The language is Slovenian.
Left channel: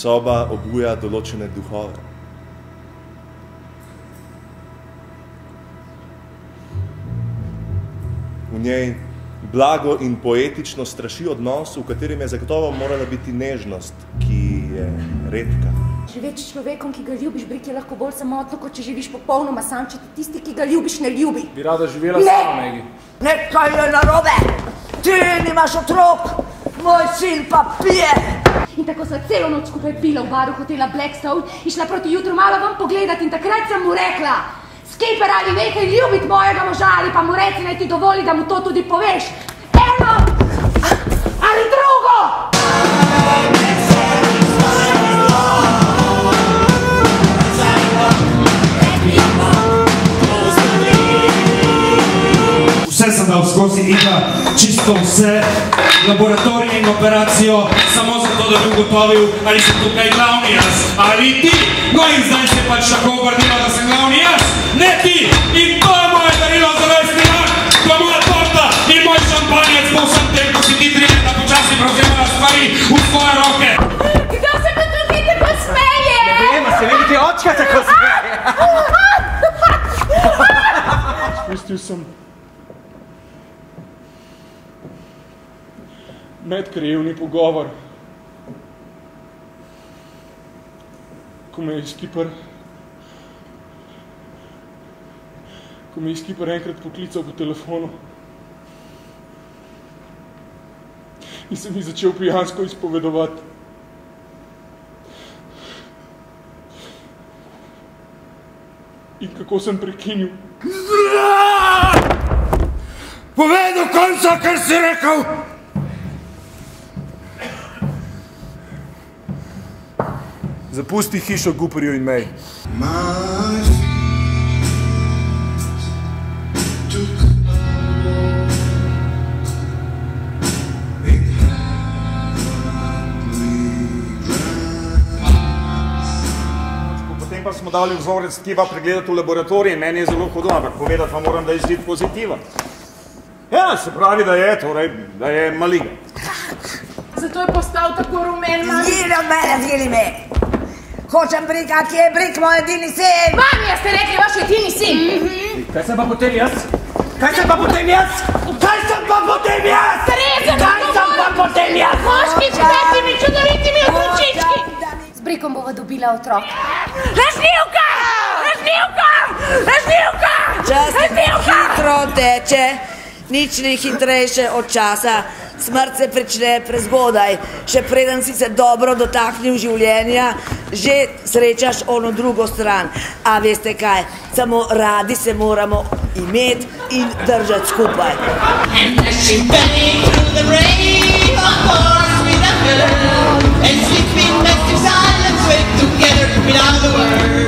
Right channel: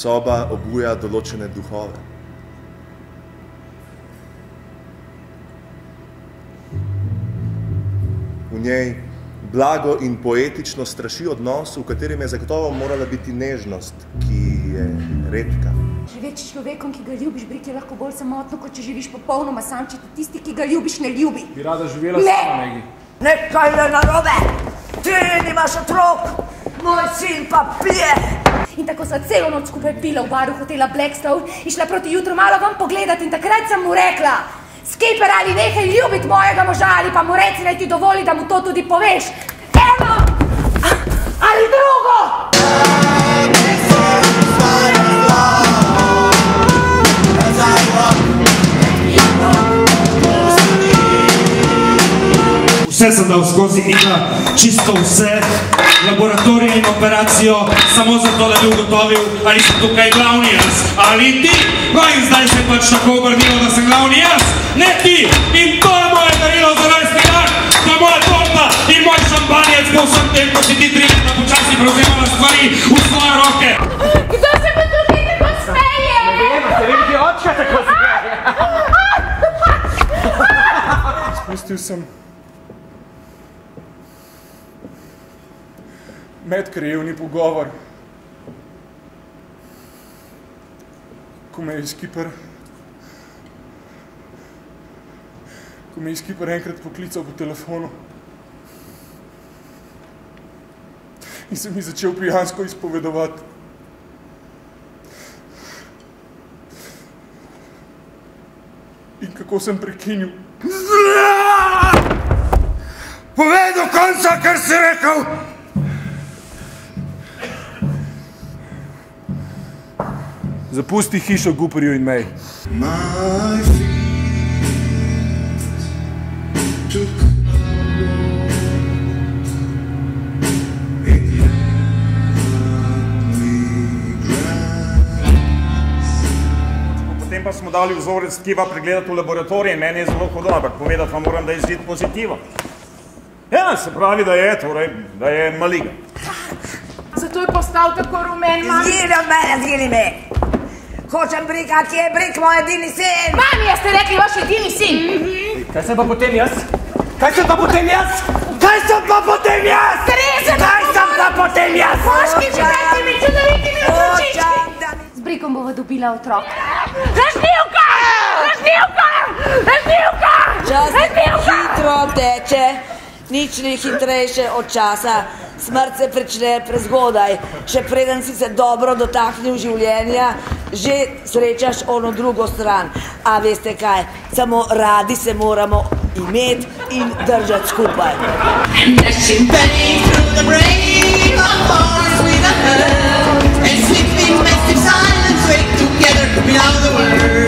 Soba obuja določene duhove. V njej blago in poetično straši odnos, v katerem je zagotovo morala biti nežnost, ki je redka. Živeči s človekom, ki ga ljubiš, biti je lahko bolj samotno, kot če živiš popolnoma sam, če ti tisti, ki ga ljubiš, ne ljubi. Bi rada živela sama, Megi. Nekaj je narobe! Ti nimaš otrok, moj sin pa pije! In tako sva celo noč skupaj pila v baru hotela Blackstone in šla proti jutru malo vam pogledat in takrat sem mu rekla: Skeper, ali nehaj ljubiti mojega moža ali pa mu reci, naj ti dovoli, da mu to tudi poveš. Eno ali drugo! Vse sem dal skozi Nika, čisto vse, laboratorij in operacijo, samo zato, da bi ugotovil, ali sem tukaj glavni jaz, ali ti. No in zdaj se pač tako obrnilo, da sem glavni jaz, ne ti. In to je moje darilo za rojstni dan, to je moja torta in moj šampanjec po vsem tem, ko si ti 3 leta počasi prevzemala stvari v svoje roke. Kdo se pa tukaj tako smeje? Ne vem, se vidi ti očka tako smeje. Spustil sem medkrajevni pogovor, ko me je Skiper enkrat poklical po telefonu in se mi začel pijansko izpovedovati. In kako sem prekinil. Povej do konca, kar si rekel! Zapusti hišo Guperju in mej. Potem pa smo dali vzorec tkiva pregledati v laboratorij in meni je zelo hudo, ampak povedati vam moram, da je izid pozitiven. Ja, se pravi, da je, torej, da je maligen. Zato je postal tako rumen, mami. Zgili me! Hočem brika, kje je brik, moj edini sin! Mami, ja ste rekli vaš edini sin! Kaj sem pa potem jaz? Kaj sem pa potem jaz? Kaj sem pa potem jaz? Moški s petimi čudovitimi otročički! Z brikom bova dobila otrok. Lažnivka! Lažnivka! Lažnivka! Čas hitro teče, nič ni hitrejše od časa. Smrt se prične prezgodaj, še preden si se dobro dotaknil življenja, že srečaš ono drugo stran. A veste kaj, samo radi se moramo imeti in držati skupaj. And sleeping massive silence, wake together, below the world.